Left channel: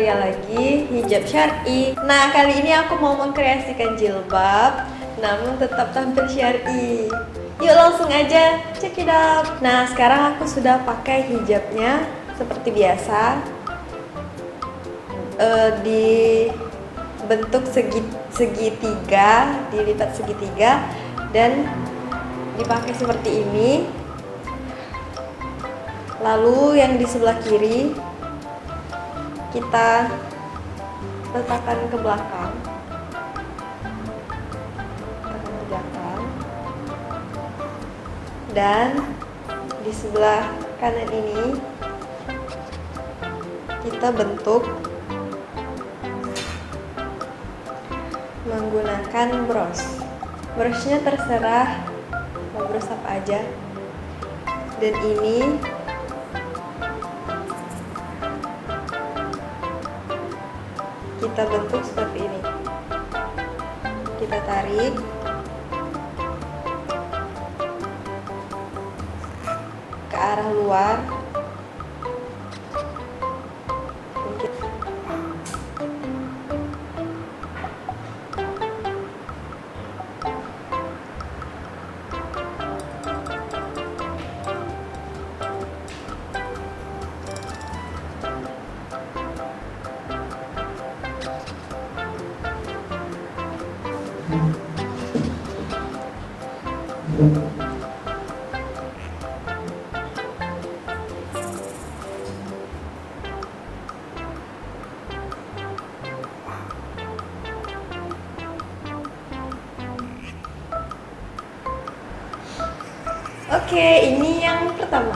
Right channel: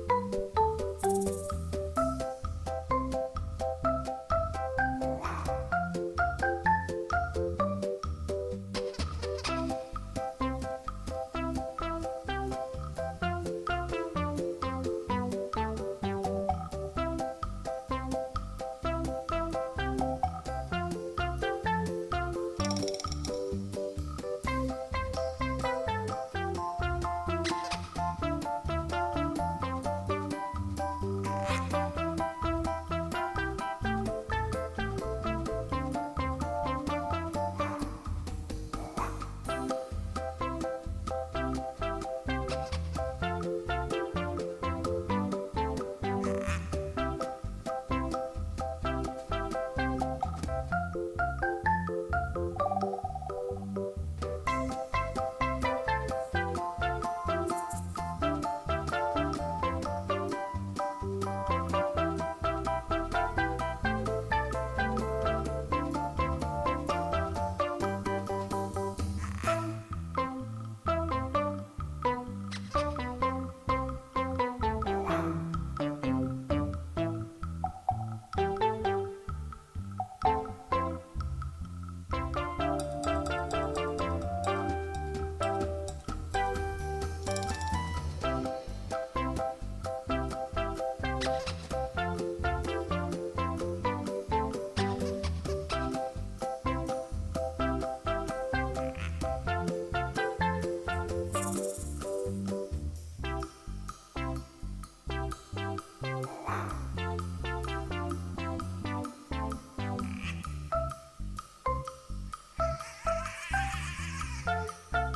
tutorial lagi hijab syar'i. Nah, kali ini aku mau mengkreasikan jilbab namun tetap tampil syar'i. Yuk langsung aja check it out. Nah, sekarang aku sudah pakai hijabnya seperti biasa, dibentuk segitiga, dilipat segitiga dan dipakai seperti ini. Lalu yang di sebelah kiri kita letakkan ke belakang, dan di sebelah kanan ini kita bentuk menggunakan brushnya terserah mau brush apa aja, dan ini kita bentuk seperti ini. Kita tarik ke arah luar. Oke, ini yang pertama.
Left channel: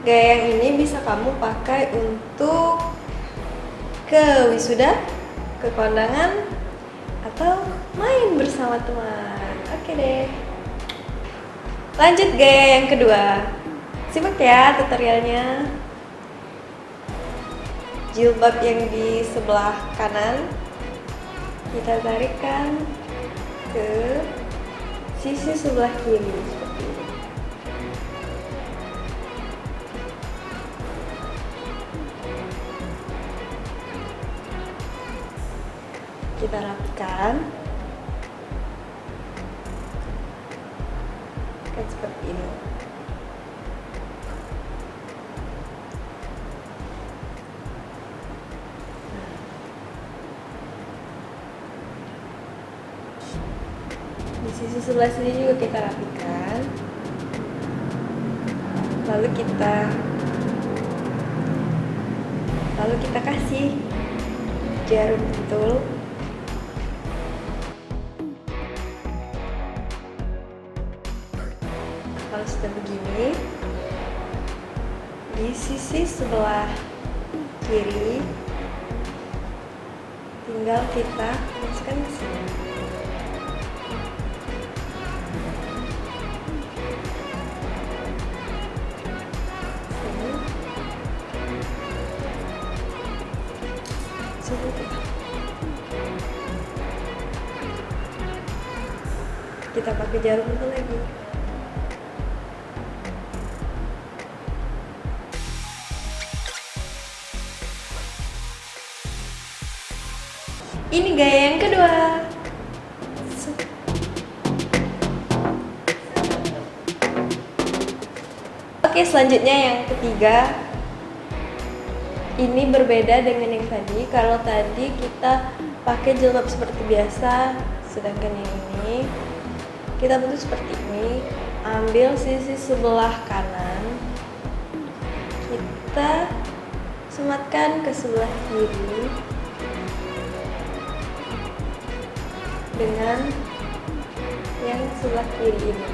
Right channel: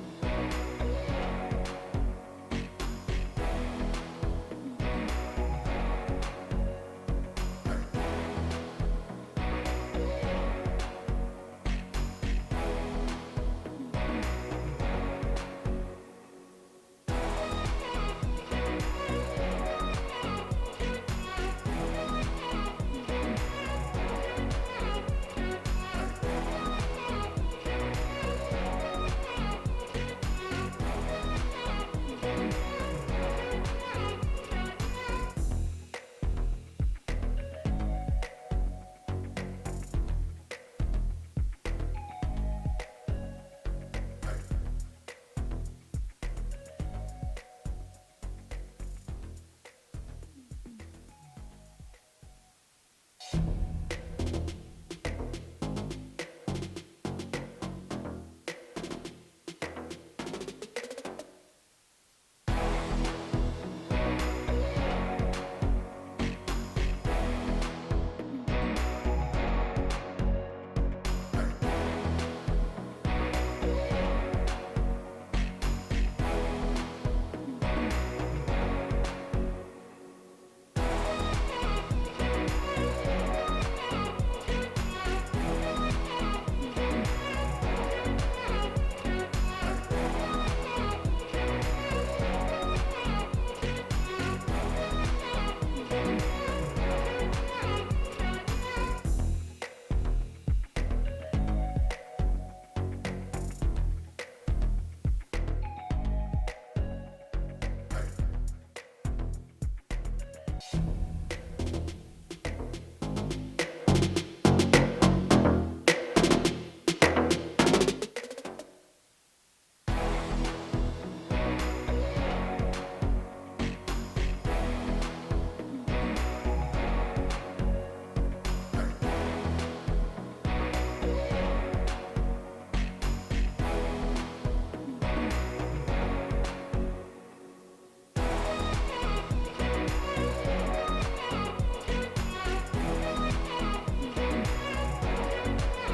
Gaya yang ini bisa kamu pakai untuk ke wisuda, ke kondangan, atau main bersama teman. Oke deh. Lanjut gaya yang kedua. Simak ya tutorialnya. Jilbab yang di sebelah kanan kita tarikkan ke sisi sebelah kiri seperti ini. Kita rapikan seperti ini. Di sisi sebelah sini juga kita rapikan, lalu kita kasih jarum pentul. Kalau sudah begini, di sisi sebelah kiri tinggal kita masukkan ke sini. Kita pakai jarum itu lagi. Ini gaya yang kedua. Oke, selanjutnya yang ketiga. Ini berbeda dengan yang tadi. Kalau tadi kita pakai jilbab seperti biasa, sedangkan yang ini kita bentuk seperti ini. Ambil sisi sebelah kanan, kita sematkan ke sebelah kiri dengan yang sebelah kiri ini.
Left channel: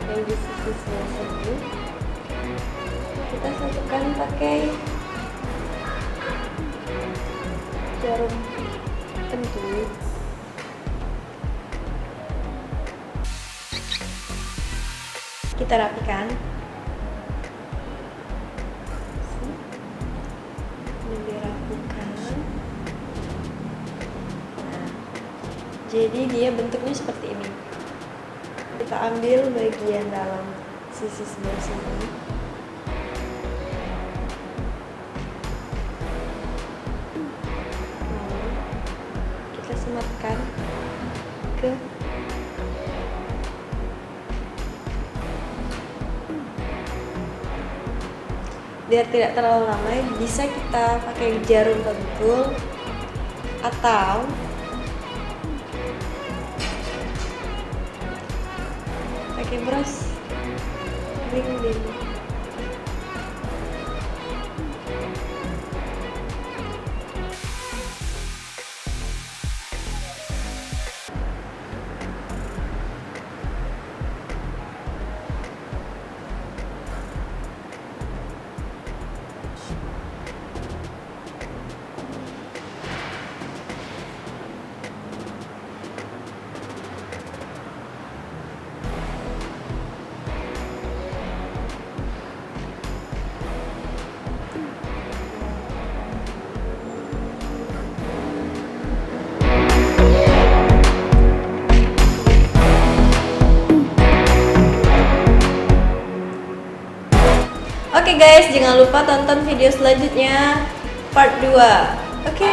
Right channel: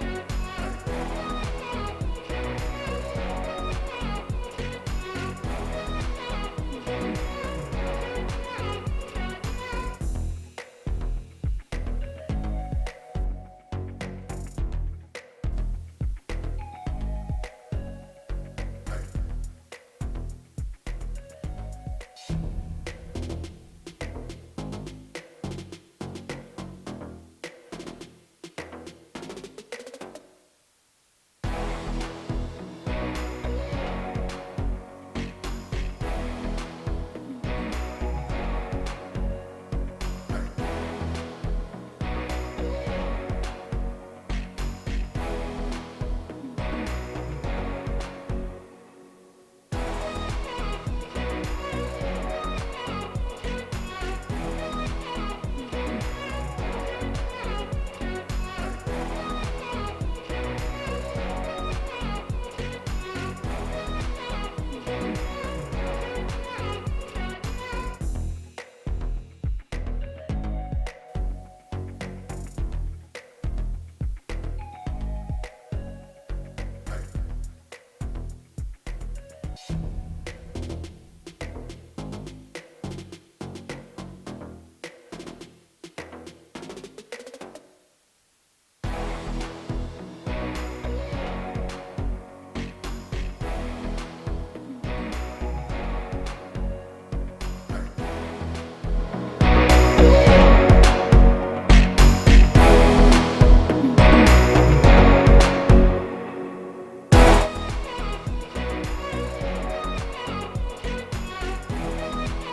Yang di sisi sebelah sini kita satukan pakai jarum pentul. Kita rapikan. Ini dirapikan. Jadi dia bentuknya seperti ini. Kita ambil bagian dalam sisi sebelah sini. Kita sematkan ke biar tidak terlalu lama. Bisa kita pakai jarum pentul atau pakai brush ring. Oke guys, jangan lupa tonton video selanjutnya part 2. Oke.